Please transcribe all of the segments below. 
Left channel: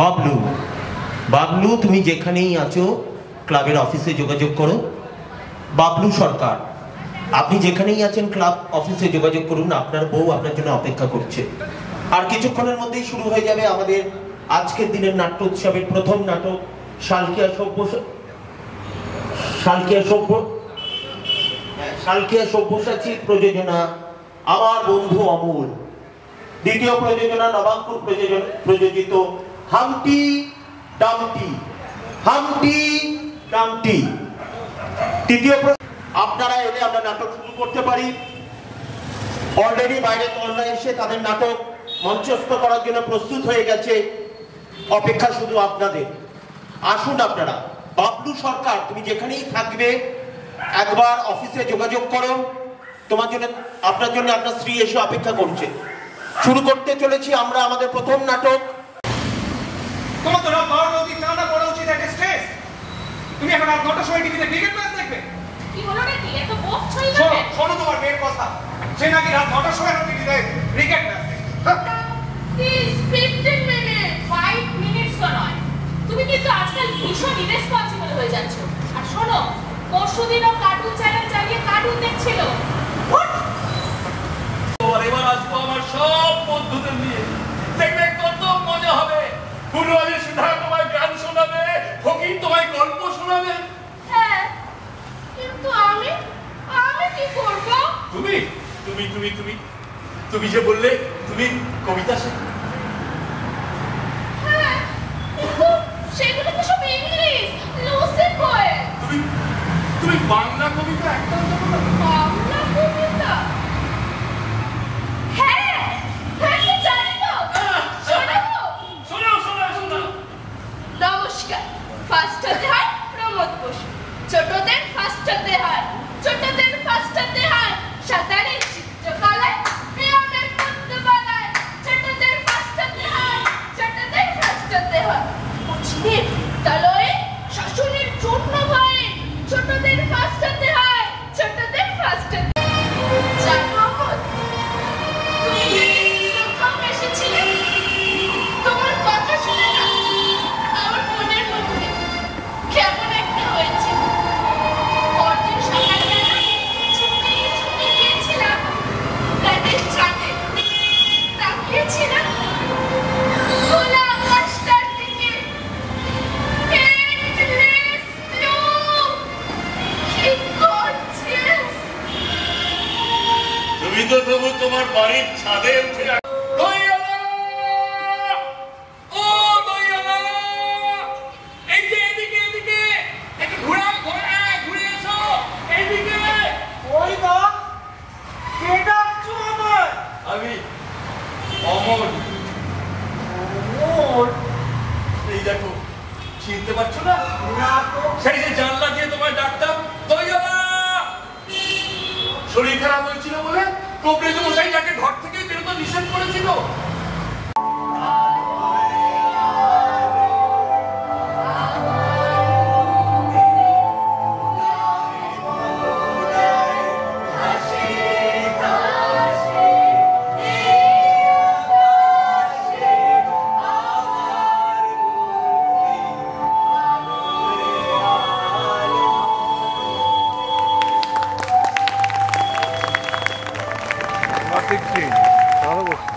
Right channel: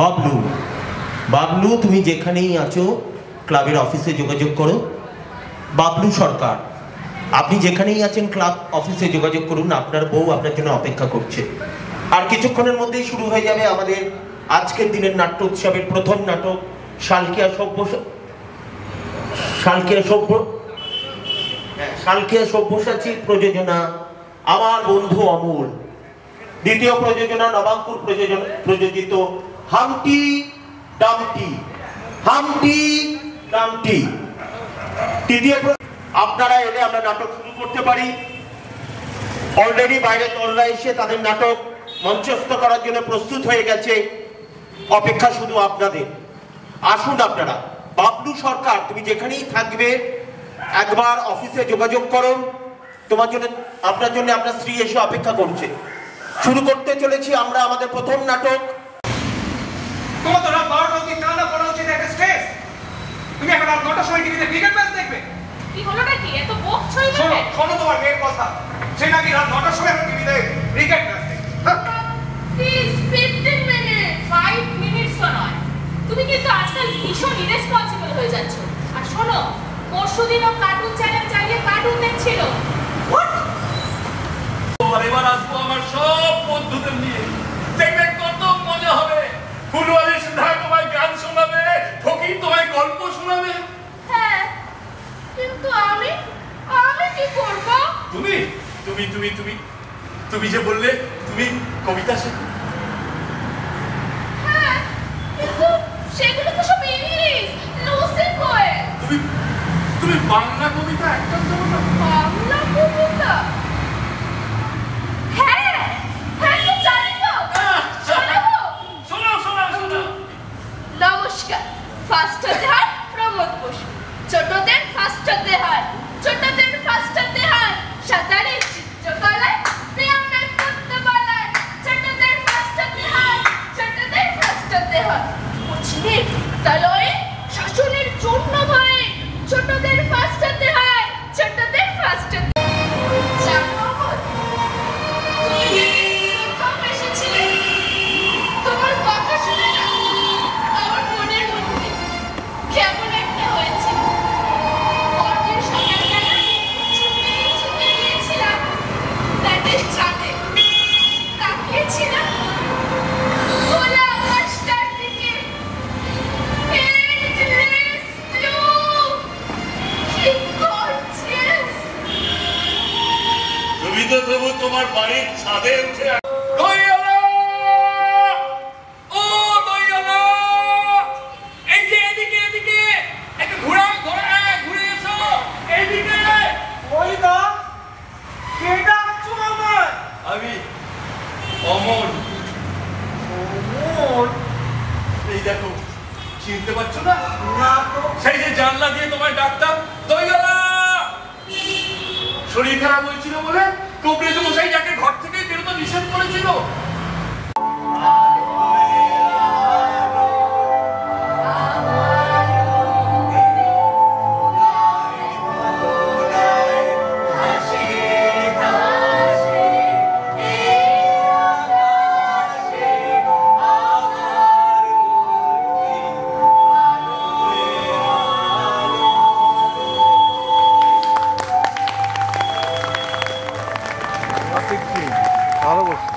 বাবলু, বাবলু তুমি যেখানেই আছো ক্লাবের অফিসে যোগাযোগ করো। বাবলু সরকার, আপনি যেখানেই আছেন ক্লাব অফিসে যোগাযোগ করুন, আপনার বউ আপনার জন্য অপেক্ষা করছে। আর কিছুক্ষণের মধ্যেই শুরু হয়ে যাবে আমাদের আজকের দিনের নাট্য উৎসবের প্রথম নাটক শালকিয়া সব্যসাচী প্রযোজনা আমার বন্ধু অমূল, দ্বিতীয় প্রযোজনা নবাঙ্কুর প্রযোজিত হামটি ডামটি, তৃতীয় আপনারা এলে আমরা নাটক শুরু করতে পারি। অলরেডি বাইরে তরুণরা এসে তাদের নাটক মঞ্চস্থ করার জন্য প্রস্তুত হয়ে গেছে, অপেক্ষা শুধু আপনাদের। আসুন আপনারা। বাবলু সরকার, তুমি যেখানেই থাকবে একবার অফিসে যোগাযোগ করো, তোমার জন্য আপনার জন্য আপনার স্ত্রী এসে অপেক্ষা করছে। শুরু করতে চলেছি আমরা আমাদের প্রথম নাটক। তোমার তো রাত 12টা অবধি টানা পড়া উচিত একটা স্ট্রেস। তুমি এখন রাত 9টার সময় টিভিতে ক্রিকেট ম্যাচ দেখবে? কি হলো নাকি? এত বক ছই লাগে। শোনো শোনো তোমার মেয়ের কথা, সে নাকি রাত 9টার সময় এখন টিভিতে ক্রিকেট ম্যাচ দেখবে। প্লিজ 15 মিনিট, 5 মিনিটস নয়। তুমি কিন্তু আজকাল ভীষণ ইরেসপন্সিবল হয়ে যাচ্ছ। আর শোনো, পরশুদিনও কার্টুন চ্যানেল চালিয়ে কার্টুন দেখছিল। এবার আসবো আমার সব বন্ধুদের নিয়ে, দেখবে কত মজা হবে। ফুলওয়ালি সুধা তোমায় গান শোনাবে, ফকির তোমায় গল্প শোনাবে। হ্যাঁ, কিন্তু আমি কি করব? তুমি তুমি তুমি তুমি তুমি যে বললে তুমি কবিতা শেখো। হ্যাঁ, কিন্তু সেগুলো তো সব ইংলিশ, লুসি পোয়েম। তুমি বাংলা কবিতা একটাও জানো না? বাংলা কবিতা? হ্যাঁ হ্যাঁ, তো জানি তো। শোনাবো? শোনাও। নমস্কার। ফার্স্ট হতে হয় প্রমোদ বসু, ছোটদের ফার্স্ট হতে হয়, ছোটদের ফার্স্ট হতে হয় সাঁতারে, চিত্রকলায়, ব্যায়ামের পদ্মমালায়, ছোটদের ফার্স্ট হতে হয়, ছোটদের ফার্স্ট হতে হয় কোচিংয়ের বিদ্যালয়ে, শাসনের জন্য ভয়ে, ছোটদের ফার্স্ট হতে হয়, ছোটদের ফার্স্ট হতে। জানো অমল, তুমি প্রথম এসেছিলে, তোমার কথা শুনে না আমার মনের মধ্যে কেমন একটা হয়েছিল। পরদিন সকালবেলা ছুটে গিয়েছিলাম ফ্ল্যাটের ছাদে, তাকিয়েছিলাম খোলা আকাশটার দিকে। Endless blue, কি gorgeous! তুমি তো তবু তোমার বাড়ির ছাদে উঠে দইয়ালা! ও দইয়ালা! এই যে এদিকে একটু ঘুরে এসো এইদিকে। ওই দা, কে ডাকছো আমায়? আমি অমর। ওর এই দেখো, চিনতে পারছো না? না তো। সেই যে জানলা দিয়ে তোমার ডাক্তার দইয়ালা! শরীর খারাপ হয়েছিল বলে কবরেজ মশাই যাকে ঘর থেকে বেরোতে নিষেধ করেছিল। ভালো বসছে।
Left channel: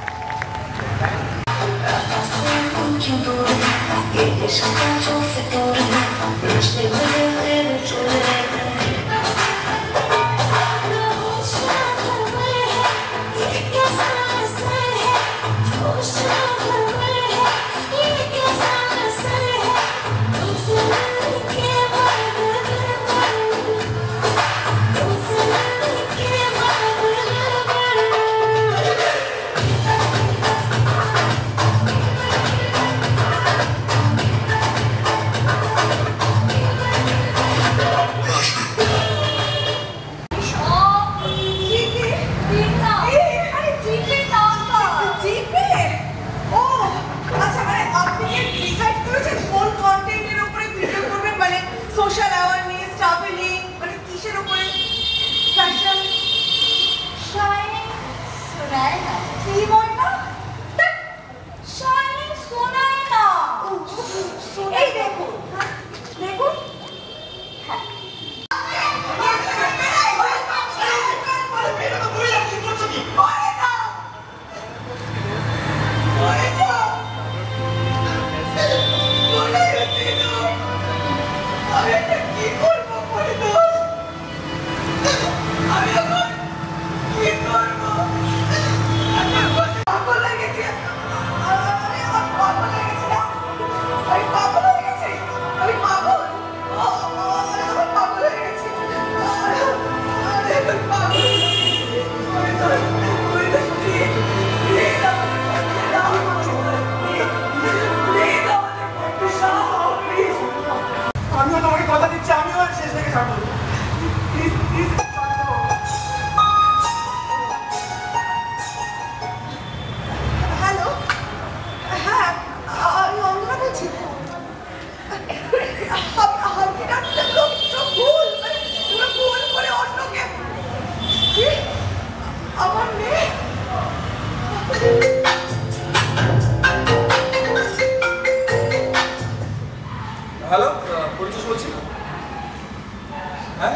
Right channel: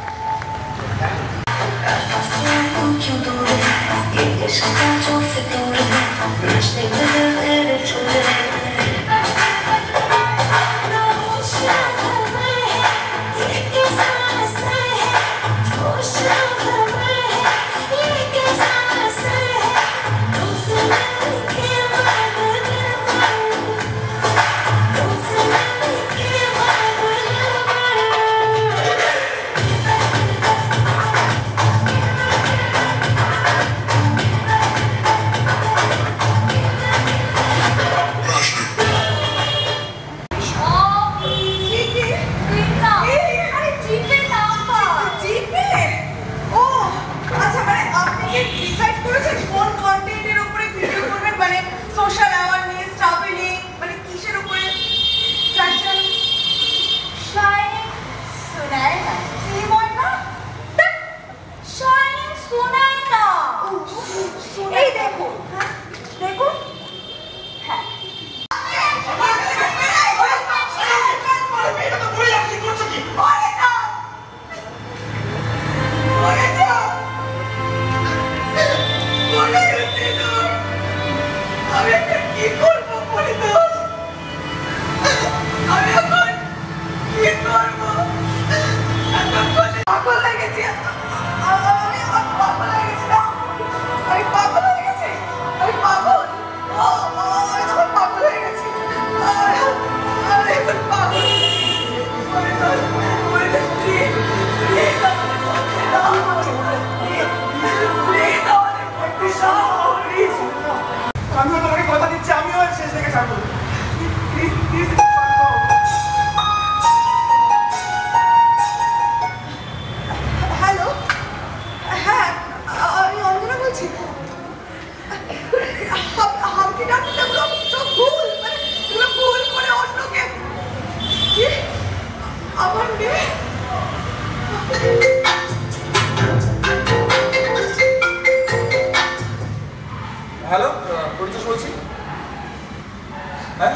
সোশ্যাল অ্যাওয়ারনেস, ট্রাভেলিং, মানে কিসের উপরে ফ্যাশন? শাইনিং শোনায় না, কি বল না? শাইনিং শোনায় না। এই দেখুন, দেখুন, হ্যাঁ কি করবো বলে তো? আমি এখন কি করবো? পাগল হয়ে গেছি, আমি এখন পাগল হয়ে গেছি না, আমি পাগল হয়ে গেছি, আমি পাগল, আমি এখন পাগল হয়ে গেছি, আমি এখন পাগল হয়ে গেছি, আমি তো প্লিজ আমাদের পক্ষে দাও, প্লিজ আমাদের পক্ষে দাও, প্লিজ। আমিও তোমাকে কথা দিচ্ছি, আমিও আর শেষ থেকে ছাড়বো। হ্যালো, হ্যাঁ আমি অঞ্জনা বলছি। হামকি ডাক্তারগুলো সব ভুল, মানে এগুলো ভুল করে অন্যকে। কি আমার মেয়ে? হ্যালো, পরিতোষ বলছি। হ্যাঁ,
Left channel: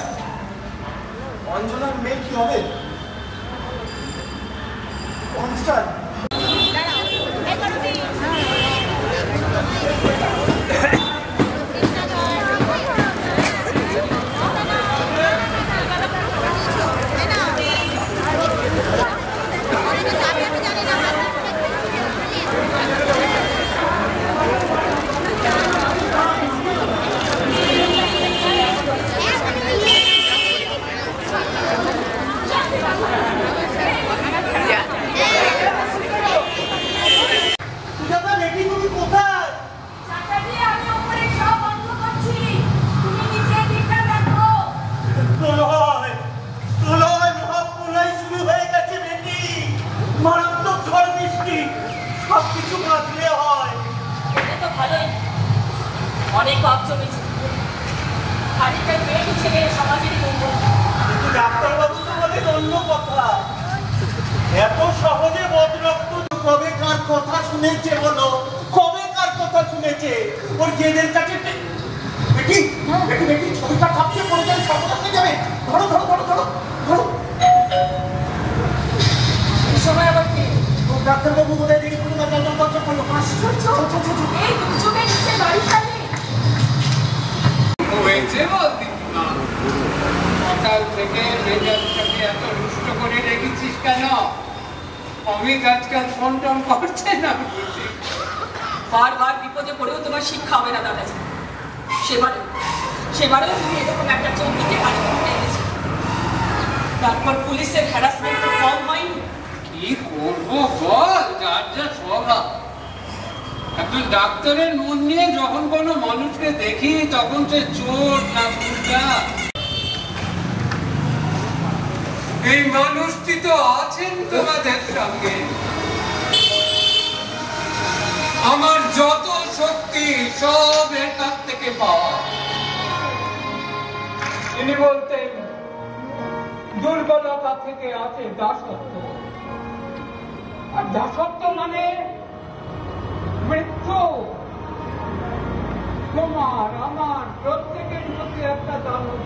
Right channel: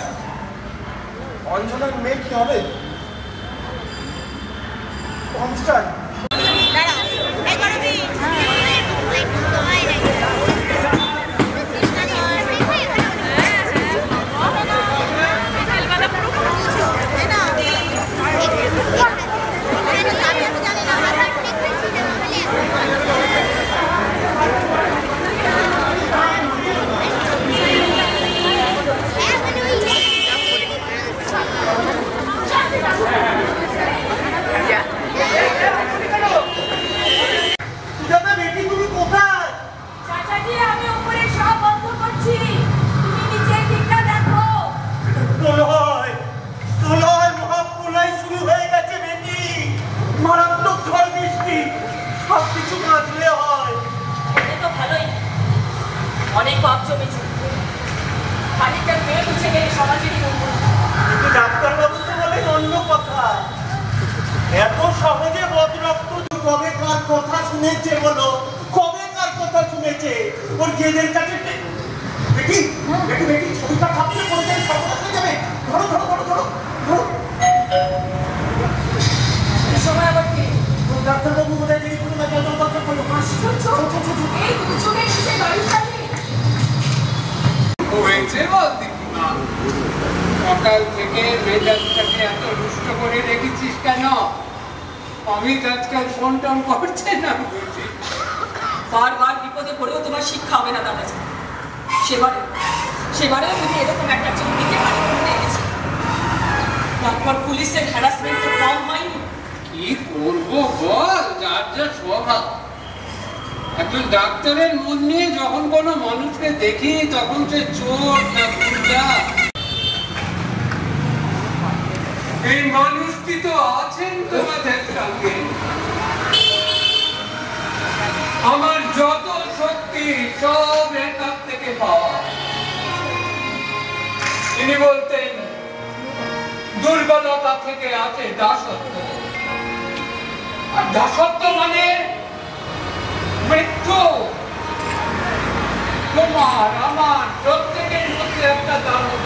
অঞ্জনার মেয়ে কি হবে? কনস্টার অনেক পাপ জমেছে, খানিকটা মেয়ে মুছে গেলে সমাজেরই মঙ্গল। কিন্তু ডাক্তারবাবু তো বলেন অন্য কথা। এত সহজে বদরক্ত কবে কার কথা শুনেছে বলো? কবে কার কথা শুনেছে? ওর জেদের কাছে বেটি বেটি বেটি ছবিটা কাঁপতে পড়ে যায়, সর্বনাশ হয়ে যাবে। ধরো ধরো ধরো ধরো ধরো। এই সময় আবার কি? ডাক্তারবাবু বোধহয় দেখি কোনো কথা করলো। এই দুজনের নিচে বাড়ি খালি হয়েছে বল দেখি না। সকাল থেকে মেজাজটাকে এত রুষ্ট করে রেখেছিস কেন? অমিত আজকাল ফোন টোন করছে না বুঝি। বারবার বিপদে পড়েও তোমার শিক্ষা হবে না দাদাজি। সেবারেও তুমি এরকম একটা চৌকিতে বাড়ি করে এনেছি। তারপর পুলিশের হ্যারাসমেন্ট তো কম হয়নি। কি করবো বল, যার যা স্বভাব। একজন ডাক্তারের মন নিয়ে যখন কোনো মানুষকে দেখি তখন সে চোর না গুন্ডা। এই মানুষটি তো আছেন তোমাদের সঙ্গে। আমার যত শক্তি সব এর কাছ থেকে পাওয়া। তিনি বলতেন দুর্বলতা থেকে আছে দাসত্ব, আর দাসত্ব মানে মৃত্যু। তোমার আমার প্রত্যেকের মধ্যে একটা দারুণ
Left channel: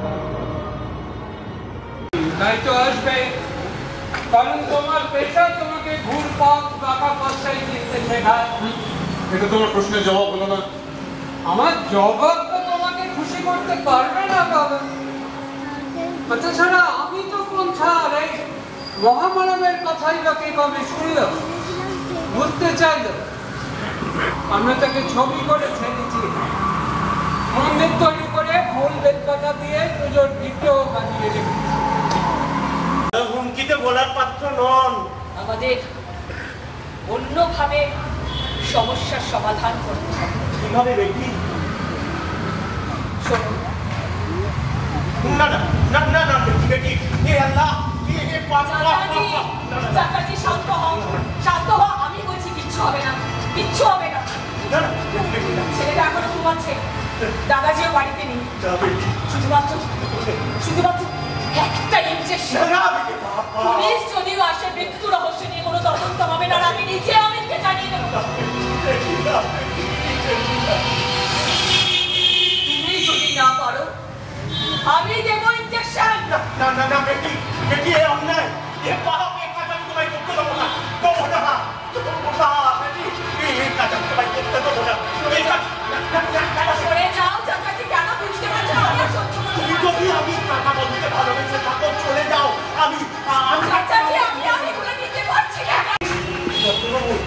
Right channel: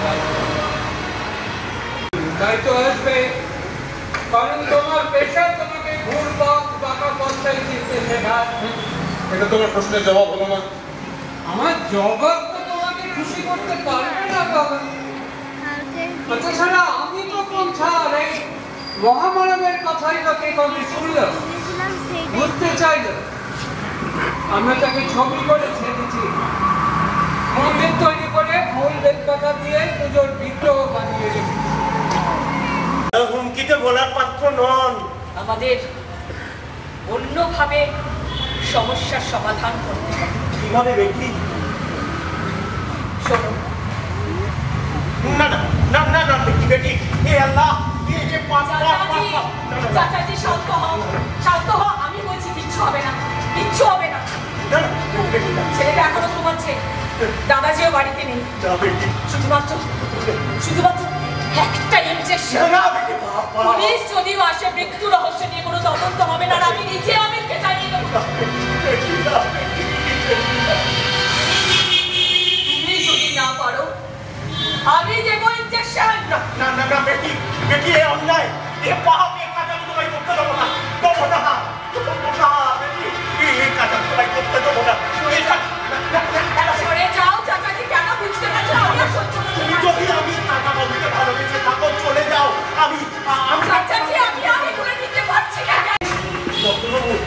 তাই তো আসবে, কারণ তোমার পেশা তোমাকে ঘুরপাক টাকা পয়সায় চিনতে শেখায়। এটা তোমার প্রশ্নের জবাব হলো না। আমার জবাব তো তোমাকে খুশি করতে পারবে না বাবা। তাছাড়া আমি তো কোন ছাড়, এই মহামানবের কথাই লোকে কবে শুনল, বুঝতে চাইল। আমরা তাকে ছবি করে ছেড়েছি, মন্দির তৈরি করে ফুল বেলপাতা দিয়ে পুজোর বিগ্রহ বানিয়ে রেখেছি। হুমকিতে বলার পাত্র নন। আমাদের অন্যভাবে সমস্যার সমাধান করতে হবে। কিভাবে বেটি? শোনো, না না না না না বেটি বেটি, হে আল্লাহ, হে চাচাজি শান্ত হও, শান্ত হও। আমি বলছি কিচ্ছু হবে না, কিচ্ছু হবে না। না না বেটি, ছেলেটা এখনো ঘুমাচ্ছে। দাদাজিও বাড়িতে নেই, যা বেটি। শুধুমাত্র একটা ইনজেকশন। না বেটি, বাবা। পুলিশ যদিও আসে, মৃত্যু রহস্য নিয়ে কোনো তদন্ত হবে না, আর আমি নিজে অমিতকে জানিয়ে দেবো। বেটি, না বেটি। তুমি যদি না পারো, আমি দেবো ইনজেকশন। না না না না বেটি, বেটি এ অন্যায়, এ পাপ, এ কাজ আমি তোমায় করতে দেবো না, দেবো না, দেবো না বেটি, এই কাজ আমি তোমায় করতে দেবো না। এই কাজ- না, না, না, না, না, সরে যাও, চাচাজি কেন বুঝতে পারছো? আমি আর সহ্য করতে তুমি পারছি না। যদি আমি টাকা বলতে ভালোবেসে থাকো, চলে যাও। আমি চাচাজি, আমি আর এগুলো নিতে পারছি না। ডাক্তারবাবু,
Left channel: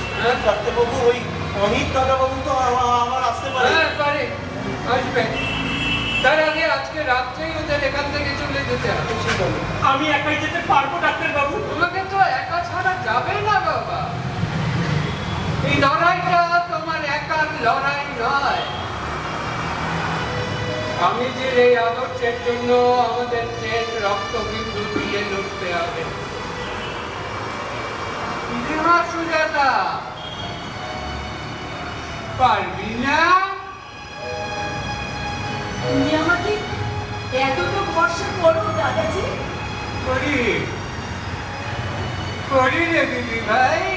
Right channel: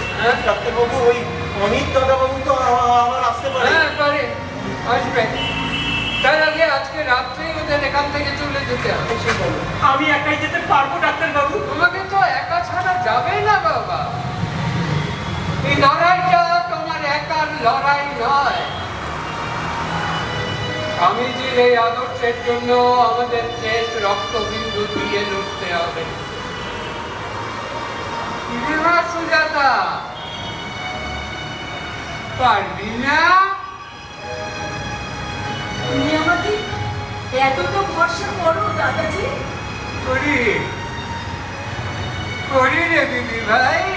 ডাক্তারবাবু, ওই অমিত দাদাবাবু তো আমার আসতে পারে। হ্যাঁ পারে, আসবে। তার আগে আজকে রাত্রেই ওদের এখান থেকে চলে যেতে হবে। আমি একাই যেতে পারবো ডাক্তারবাবু? তোমাকে তো একা ছাড়া যাবে না বাবা। এই লড়াইটা তোমার একার লড়াই নয়। স্বামীজির এই আদর্শের জন্য আমাদের চেত রক্তবিন্দু দিয়ে লড়তে হবে। না সুজাতা, পারবি না? তুমি আমাকে এতটা ভরসা করো দাদাজি? করি রে দিদি ভাই।